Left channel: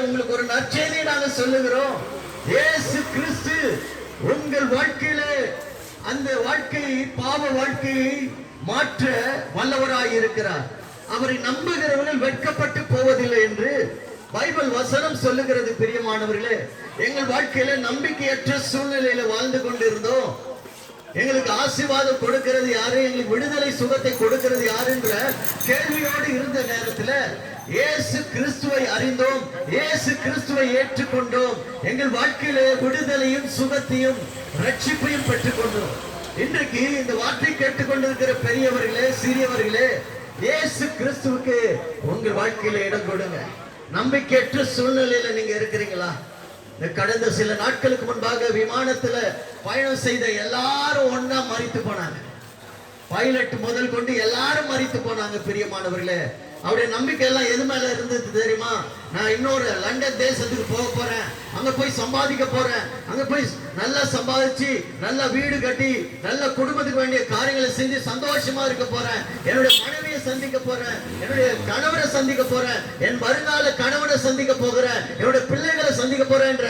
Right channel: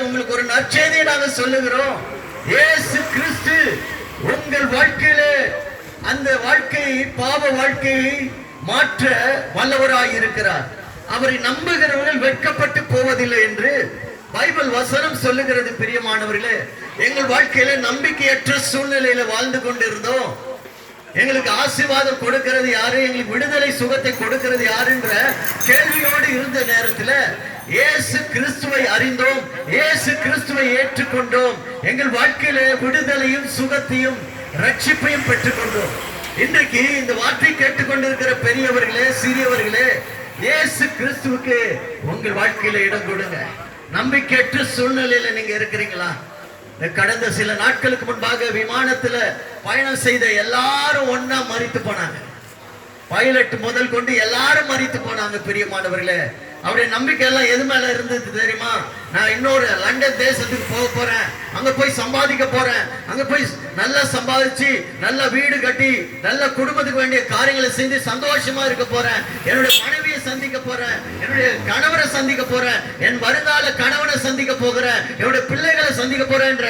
உங்களுக்கு ஒரு நற்செய்தியை நாங்கள் சொல்லுகிறோம். இயேசு கிறிஸ்து உங்கள் வாழ்க்கையிலே அந்த வாழ்க்கையை, பாவ வாழ்க்கையை மாற்ற வல்லவராய் இருக்கிறார். அவரை நம்புகிறவர்கள் வெட்கப்பட்டு போவதில்லை என்று பைபிள் வசனம் சொல்லுகிறது. பிரியமானவர்களே, எங்கள் வாழ்க்கையில நம்பிக்கையற்ற சூழ்நிலையில வாழ்ந்து கொண்டிருந்தோம். எங்களுக்கு ஆசீர்வாதம் கொடுக்கிறது யாரு, எங்களுக்கு விடுதலை சுகத்தை கொடுக்கிறது யாருன்ற கேள்வியோடு இருந்த நேரத்தில் இயேசு கிறிஸ்துவை அறிந்தோம், இயேசு கிறிஸ்துவை ஏற்றுக்கொண்டோம். எங்கள் வாழ்க்கையில விடுதலையும் சுகத்தையும் ரட்சிப்பையும் பெற்றுக்கொண்டோம். இன்றைக்கு இந்த வார்த்தை கேட்டுக்கொண்டிருக்கிற பெரியவர்களே, சிறியவர்களே, இயேசு கிறிஸ்துவுக்கு உங்கள் வாழ்க்கையில இடம் கொடுங்க. நம்பிக்கையற்ற சூழ்நிலையில நீங்க இருக்கிறீங்களா? கடந்த சில நாட்களுக்கு முன்பாக விமானத்துல பயணம் செய்த எல்லாரும் ஒன்னா மரித்து போனாங்க. பைலட் முதல் கொண்டு எல்லாரும் மரித்து போனாங்க. பிரியமானவர்களே, அவருடைய நம்பிக்கை எல்லாம் எது மேல இருந்தது தெரியுமா? நான் இன்னொரு லண்டன் தேசத்துக்கு போக போறேன், அங்க போய் சம்பாதிக்க போறேன், அங்க போய் நல்லா சம்பாதிச்சு நல்ல வீடு கட்டி நல்ல குடும்பத்துக்கு வேண்டிய காரியங்களை செஞ்சு சந்தோஷமா இருக்க போறேன், என்னுடைய மனைவியை சந்திக்க போறேன், என்னுடைய கணவரை சந்திக்க போறேன், என் வருங்கால கணவனை சந்திக்க போகிறேன், என்னுடைய பிள்ளைகளை சந்திக்க போறேன்ற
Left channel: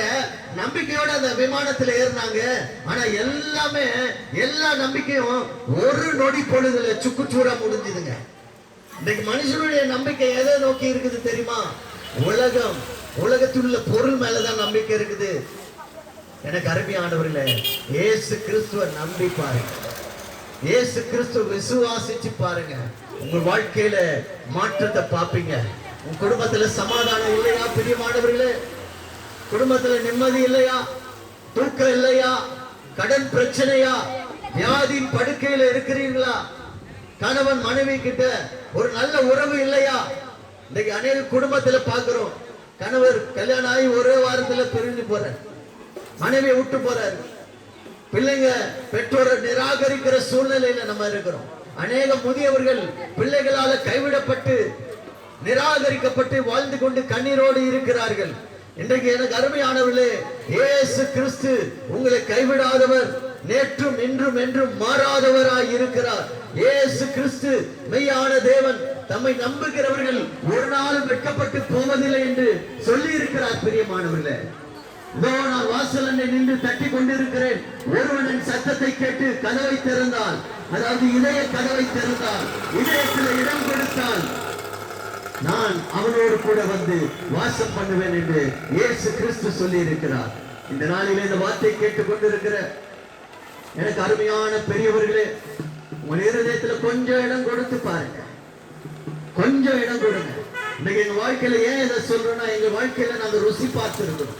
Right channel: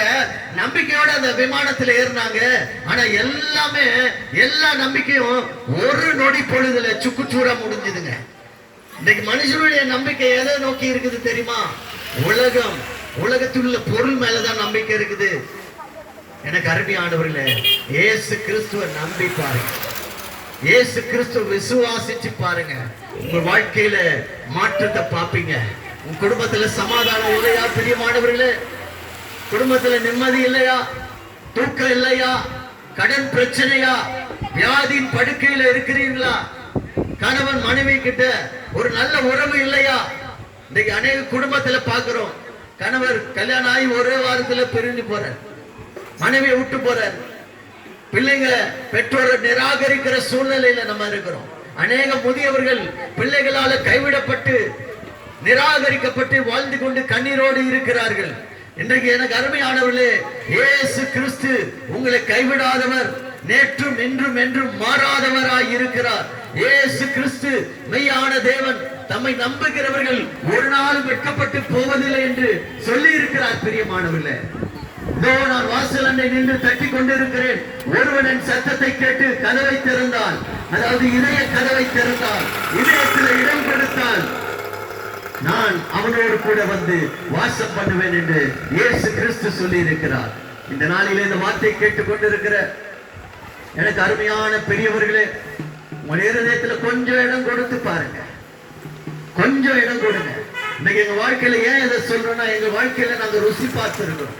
நம்பிக்கையோட அந்த விமானத்துல ஏறினாங்க. ஆனா எல்லா நம்பிக்கையும் ஒரு நொடி பொழுதுல சுக்குச்சூரா முடிஞ்சதுங்க. இன்னைக்கு மனுஷனுடைய நம்பிக்கை எதை நோக்கி இருக்குது தெரியுமா? உலகத்தில் உள்ள பொருள் மேலதான் நம்பிக்கை இருக்குது. எனக்கு அருமையானவர்களே, இயேசு கிறிஸ்துவ நம்பி பாருங்க, இயேசு கிறிஸ்துவ விசுவாசிச்சு பாருங்க. உங்க வாழ்க்கையில மாற்றத்தை பார்ப்பீங்க. உங்க குடும்பத்துல சமாதானம் இல்லையா? பிரியமானவர்களே, குடும்பத்துல நிம்மதி இல்லையா? தூக்கம் இல்லையா? கடன் பிரச்சனையா? வியாதியின் படுக்கையில இருக்கிறீர்களா? கணவன் மனைவி கிட்ட ஒரு நல்ல உறவு இல்லையா? இன்னைக்கு அநேக குடும்பத்துல பாக்குறோம், கணவர் கல்யாணம் ஆகி ஒரே வாரத்துல பிரிஞ்சு போற, மனைவியை விட்டு போறாரு, பிள்ளைங்க பெற்றோரை நிராகரிக்கிற சூழ்நிலையில நம்ம இருக்கிறோம். அநேக முதியவர்கள் பிள்ளைகளால கைவிடப்பட்டு நிராகரிக்கப்பட்டு வாழ்ந்து கொண்டு கண்ணீரோடு இருக்கிறார்கள். இன்றைக்கு எனக்கு அருமையானவர்களே, இயேசு கிறிஸ்து உங்களை கைவிடாதவர், நேற்றும் இன்றும் என்றும் மாறாதவராய் இருக்கிறார். இயேசு கிறிஸ்து மெய்யான தேவன். தம்மை நம்புகிறவர்கள் ஒரு நாளும் வெட்கப்பட்டு போவதில்லை என்று சொல்லி இருக்கிறார். பிரியமானவர்களே, நான் வாசல் அண்டை நின்று தட்டி கொண்டிருக்கிறேன். ஒருவன் என் சத்தத்தை கேட்டு கதவை திறந்தால், அதாவது இதய கதவை திறந்தால், இதயத்தில் இடம் கொடுத்தால், நான் அவனோடு கூட வந்து வாசம் பண்ணுவேன் என்று இயேசு கிறிஸ்து சொல்லி இருக்கிறார். இந்த நாளில் இந்த வார்த்தை கேட்டுக் கொண்டிருக்கிற எனக்கு அருமையான பெரியவர்களே, உங்கள் இருதயத்துல கொஞ்சம் இடம் கொடுத்து பாருங்க, கொஞ்சம் இடம் கொடுங்க. இன்னைக்கு எங்க வாழ்க்கையில ஏன் இதை சொல்றோம்னா, எங்க வாழ்க்கையில நாங்க ருசி பார்த்து இருக்கிறோம்.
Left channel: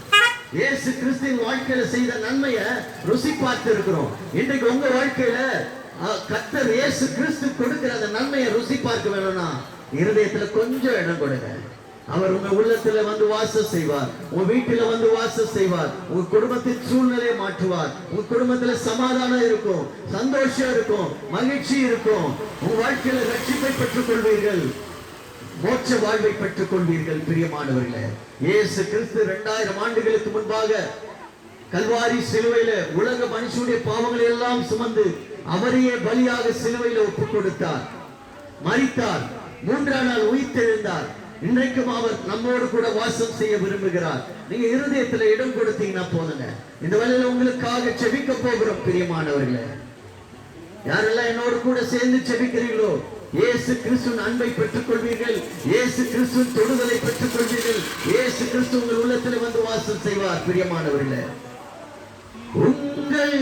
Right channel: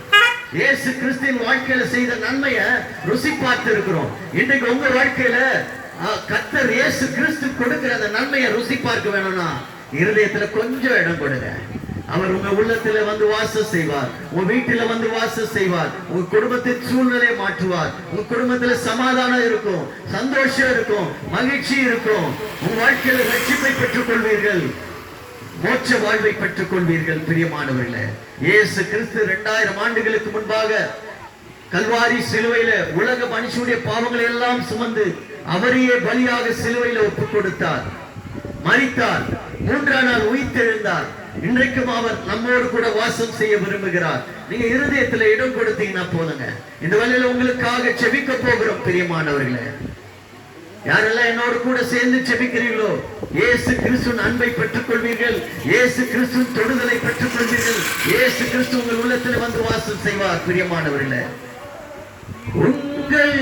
இயேசு கிறிஸ்துவின் வாழ்க்கையில செய்த நன்மையை ருசி பார்த்து இருக்கிறோம். இன்றைக்கு உங்க வாழ்க்கையில கர்த்தர் இயேசு கிறிஸ்து கொடுக்கிற அந்த நன்மையை ருசி பார்க்க வேணும்னா இருதயத்துல கொஞ்சம் இடம் கொடுங்க. அவர் உங்க உள்ளத்துல வந்து வாசம் செய்வார், உங்க வீட்டில வந்து வாசம் செய்வார், உங்க குடும்பத்தின் சூழ்நிலையை மாற்றுவார். உங்க குடும்பத்துல சமாதானம் இருக்கும், சந்தோஷம் இருக்கும், மகிழ்ச்சி இருக்கும். உங்க வாழ்க்கையில ரட்சிப்பை பெற்றுக் கொள்வீர்கள், மோட்ச வாழ்வை பெற்றுக் கொள்வீர்கள். பிரியமானவர்களே, இயேசு கிறிஸ்து 2000 ஆண்டுகளுக்கு முன்பாக கல்வாரி சிலுவையில உலக மனுஷனுடைய பாவங்களை எல்லாம் சுமந்து அவரையே பலியாக சிலுவையில ஒப்புக் கொடுத்தார், மரித்தார், 3ஆம் நாள் உயிர்த்தெழுந்தார். இன்றைக்கும் அவர் நம்மோடு கூட வாசம் செய்ய விரும்புகிறார். நீங்க இருதயத்துல இடம் கொடுத்தீங்கன்னா போதுங்க. இந்த வேளையில உங்களுக்காக செபிக்க போகிறோம். பிரியமானவர்களே, யாரெல்லாம் என்னோடு கூட சேர்ந்து செபிக்கிறீர்களோ, இயேசு கிறிஸ்துவின் அன்பை பெற்றுக் கொள்வீர்கள், இயேசு கிறிஸ்துவின் தொடுதலை பெற்றுக் கொள்வீர்கள். இயேசு கிறிஸ்து உங்கள் உள்ளத்துல வந்து வாசம் செய்வார். பிரியமானவர்களே, உங்கள்